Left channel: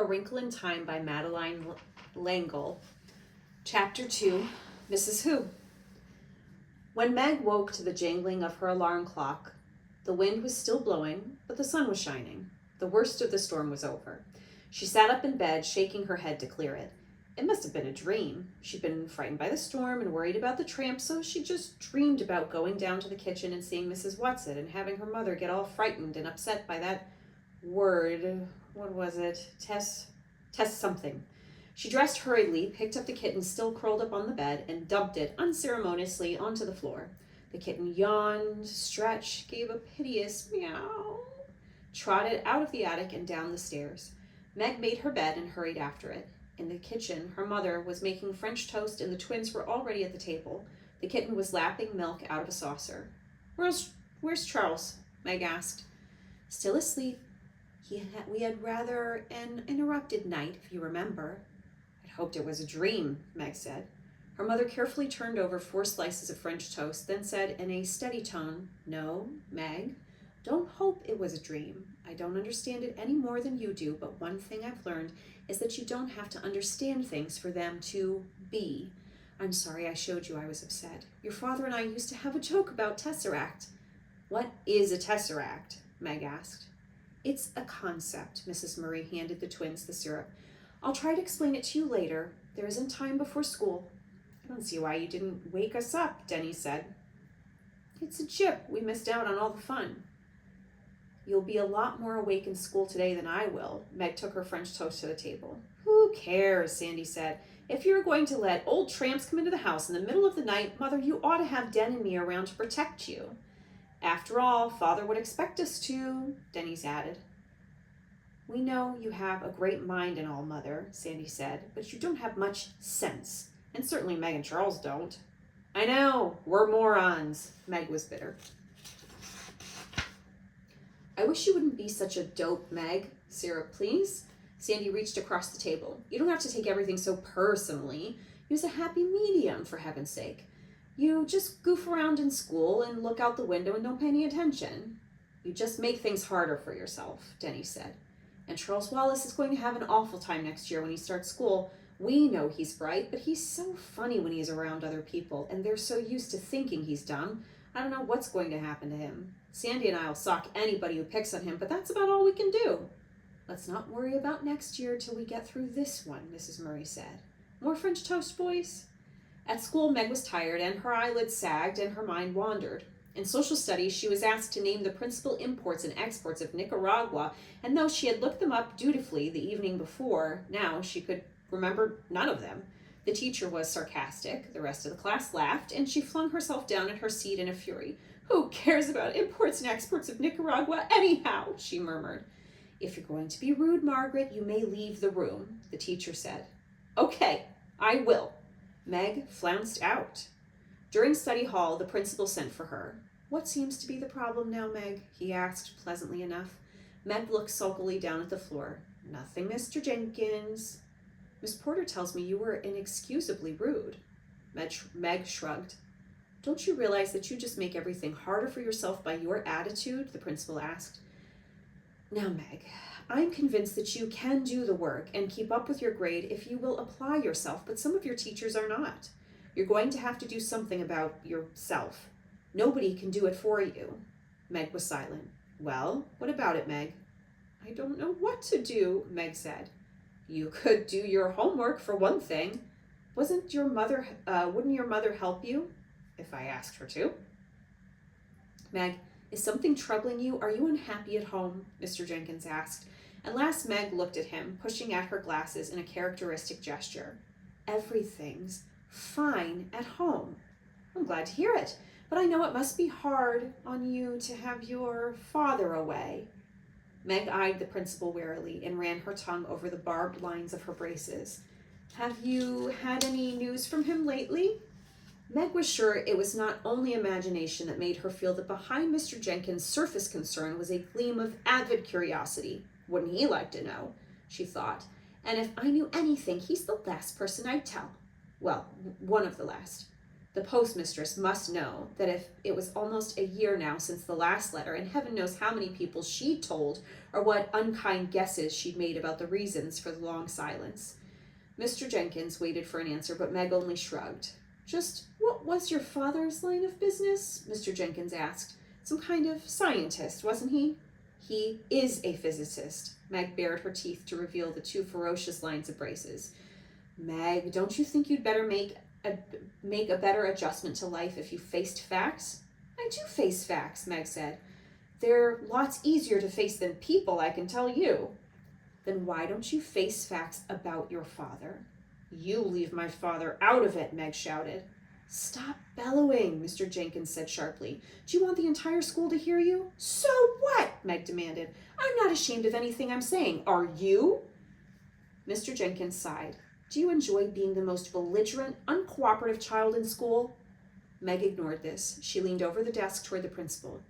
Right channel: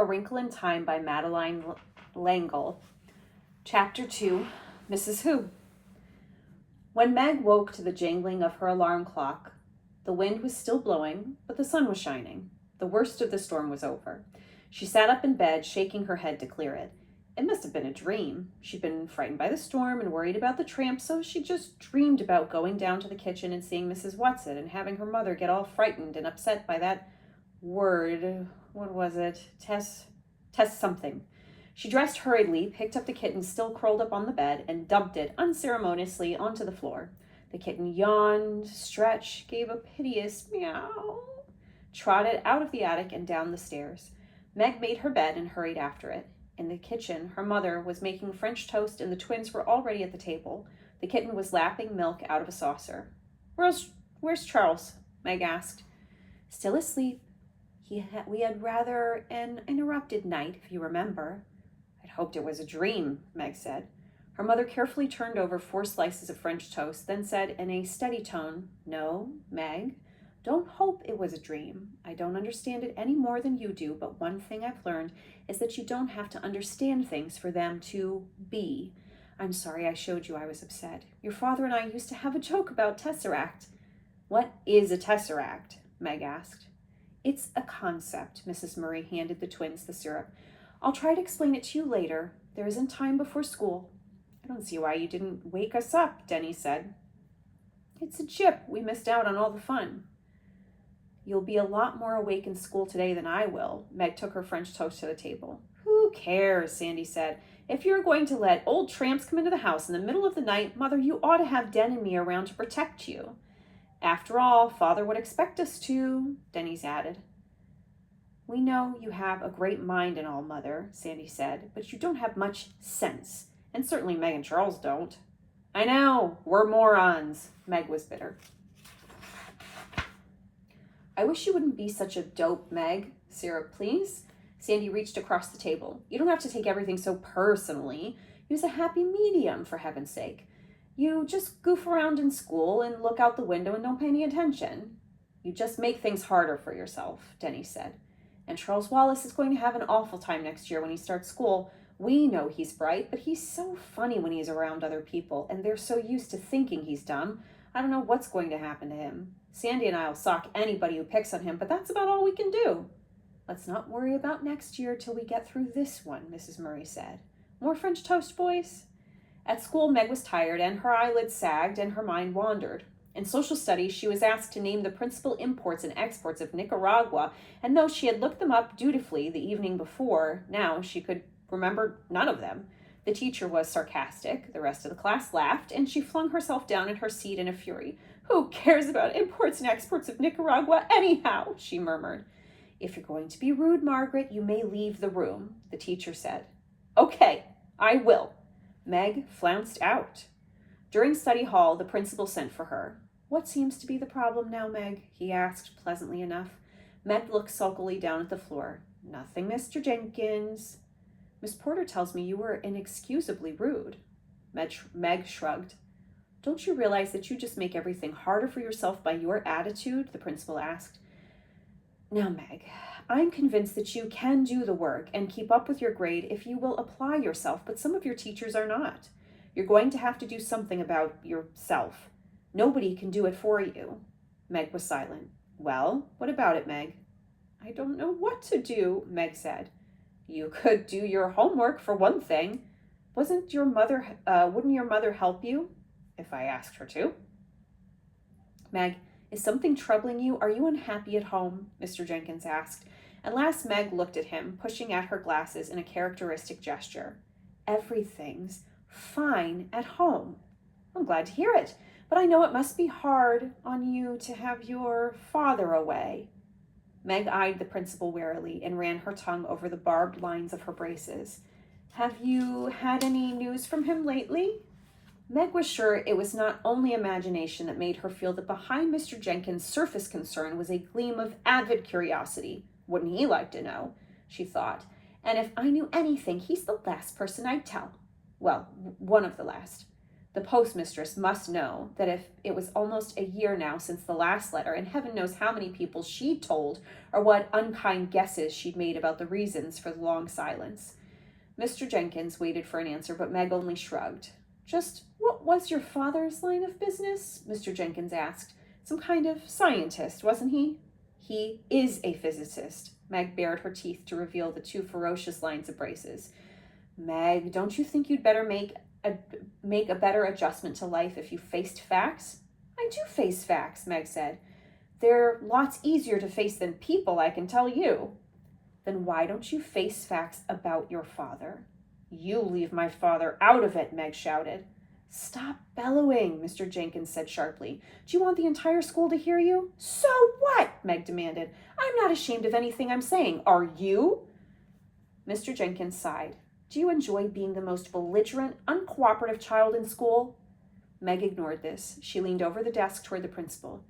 A Wrinkle in Time by Madeleine L'Engle. Chapter 2, Mrs. Who. When Meg woke to the jangling of her alarm clock, the wind was still blowing, but the sun was shining. The worst of the storm was over. She sat up in bed, shaking her head to clear it. It must have been a dream. She'd been frightened by the storm and worried about the tramp, so she just dreamed about going down to the kitchen and seeing Mrs. Whatsit and having her mother get all frightened and upset by that word. What was it? Tess something. She dressed hurriedly, picked up the kitten still curled up on the bed, and dumped it unceremoniously onto the floor. The kitten yawned, stretched, gave a piteous meow, trotted out of the attic and down the stairs. Meg made her bed and hurried after it. In the kitchen, her mother was making French toast and the twins were already at the table. The kitten was lapping milk out of a saucer. Where's Charles? Meg asked. Still asleep. We had rather an interrupted night, if you remember. I'd hoped it was a dream, Meg said. Her mother carefully turned over 4 slices of French toast, then said in a steady tone, No, Meg, don't hope it was a dream. I don't understand it any more than you do, but one thing I've learned is that you don't have to understand things for them to be. I'm sorry I showed you I was upset. Your father and I used to have a joke about tesseract. What is a tesseract? Meg asked. It's a concept. Mrs. Murray handed the twins the syrup. I'll try to explain it to you later. There isn't time before school. I don't see why you didn't wake us up, Denny said. It's a chip. We missed out on all the fun. You'll be a lot more awake in school today than I will. Meg took her French toast to the table. Who cares, Sandy said. If you're going to let old tramps come into the house in the middle of the night, Mother, you ought to have Den and me around to protect you. After all, Father would expect us to, Denny's added. We know you have a great mind and all, Mother, Sandy said, but you don't have much sense, and certainly Meg and Charles don't. I know, we're morons, Meg was bitter. I wish you wouldn't be such a dope, Meg. Syrup, please. Sandy reached across the table. You don't have to take everything so personally. Use a happy medium, for heaven's sake. You just goof around in school and look out the window and don't pay any attention. You just make things harder for yourself, Denny said. And Charles Wallace is going to have an awful time next year when he starts school. We know he's bright, but he's so funny when he's around other people, and they're so used to thinking he's dumb. I don't know what's going to happen to him. Sandy and I'll sock anybody who picks on him, but that's about all we can do. Let's not worry about next year till we get through this one, Mrs. Murray said. More French toast, boys? At school, Meg was tired, and her eyelids sagged, and her mind wandered. In social studies, she was asked to name the principal imports and exports of Nicaragua, and though she had looked them up dutifully the evening before, now she could remember none of them. The teacher was sarcastic, the rest of the class laughed, and she flung herself down in her seat in a fury. Who cares about imports and exports of Nicaragua anyhow? She murmured. If you're going to be rude, Margaret, you may leave the room, the teacher said. Okay, I will. Meg flounced out. During study hall, the principal sent for her. What seems to be the problem now, Meg? He asked, pleasantly enough. Meg looked sulkily down at the floor. Nothing, Mr. Jenkins. Miss Porter tells me you were inexcusably rude. Meg shrugged. Don't you realize that you just make everything harder for yourself by your attitude? The principal asked. Now, Meg, I'm convinced that you can do the work and keep up with your grade if you will apply yourself, but some of your teachers are not. You're going to have to do something about yourself. Nobody can do it for you. Meg was silent. Well, what about it, Meg? I don't know what to do, Meg said. You could do your homework for one thing. Wouldn't your mother help you? If I asked her to. Meg, is something troubling you? Are you unhappy at home? Mr. Jenkins asked. And last Meg looked at him, pushing at her glasses in a characteristic gesture. Everything's fine at home. I'm glad to hear it, but I know it must be hard on you to have your father away. Meg eyed the principal warily and ran her tongue over the barbed lines of her braces. Have you had any news from him lately? Meg was sure it was not only imagination that made her feel that behind Mr. Jenkins' surface concern was a gleam of avid curiosity. Wouldn't he like to know? She thought. And if I knew anything, he's the last person I'd tell. Well, one of the last. The postmistress must know that if it was almost a year now since the last letter, and heaven knows how many people she'd told or what unkind guesses she'd made about the reasons for the long silence. Mr. Jenkins waited for an answer, but Meg only shrugged. Just what was your father's line of business? Mr. Jenkins asked. Some kind of scientist, wasn't he? He is a physicist. Meg bared her teeth to reveal the two ferocious lines of braces. Meg, don't you think you'd better make a better adjustment to life if you faced facts? I do face facts, Meg said. They're lots easier to face than people, I can tell you. Then why don't you face facts about your father? You leave my father out of it, Meg shouted. Stop bellowing, Mr. Jenkins said sharply. Do you want the entire school to hear you? So what? Meg demanded. I'm not ashamed of anything I'm saying. Are you? Mr. Jenkins sighed. Do you enjoy being the most belligerent, uncooperative child in school? Meg ignored this. She leaned over the desk toward the principal.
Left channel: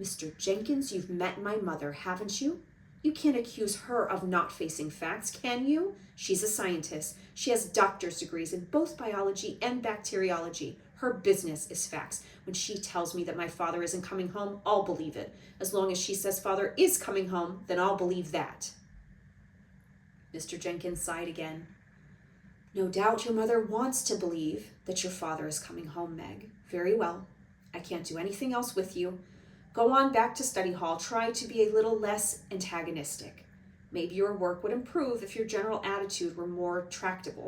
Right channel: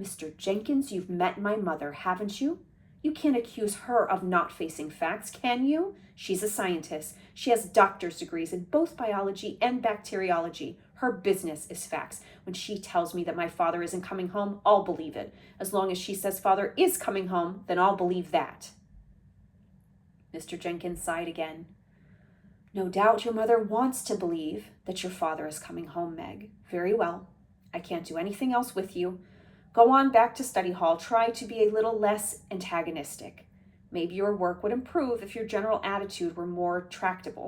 Mr. Jenkins, you've met my mother, haven't you? You can't accuse her of not facing facts, can you? She's a scientist. She has doctor's degrees in both biology and bacteriology. Her business is facts. When she tells me that my father isn't coming home, I'll believe it. As long as she says father is coming home, then I'll believe that. Mr. Jenkins sighed again. No doubt your mother wants to believe that your father is coming home, Meg. Very well. I can't do anything else with you. Go on back to study hall. Try to be a little less antagonistic. Maybe your work would improve if your general attitude were more tractable.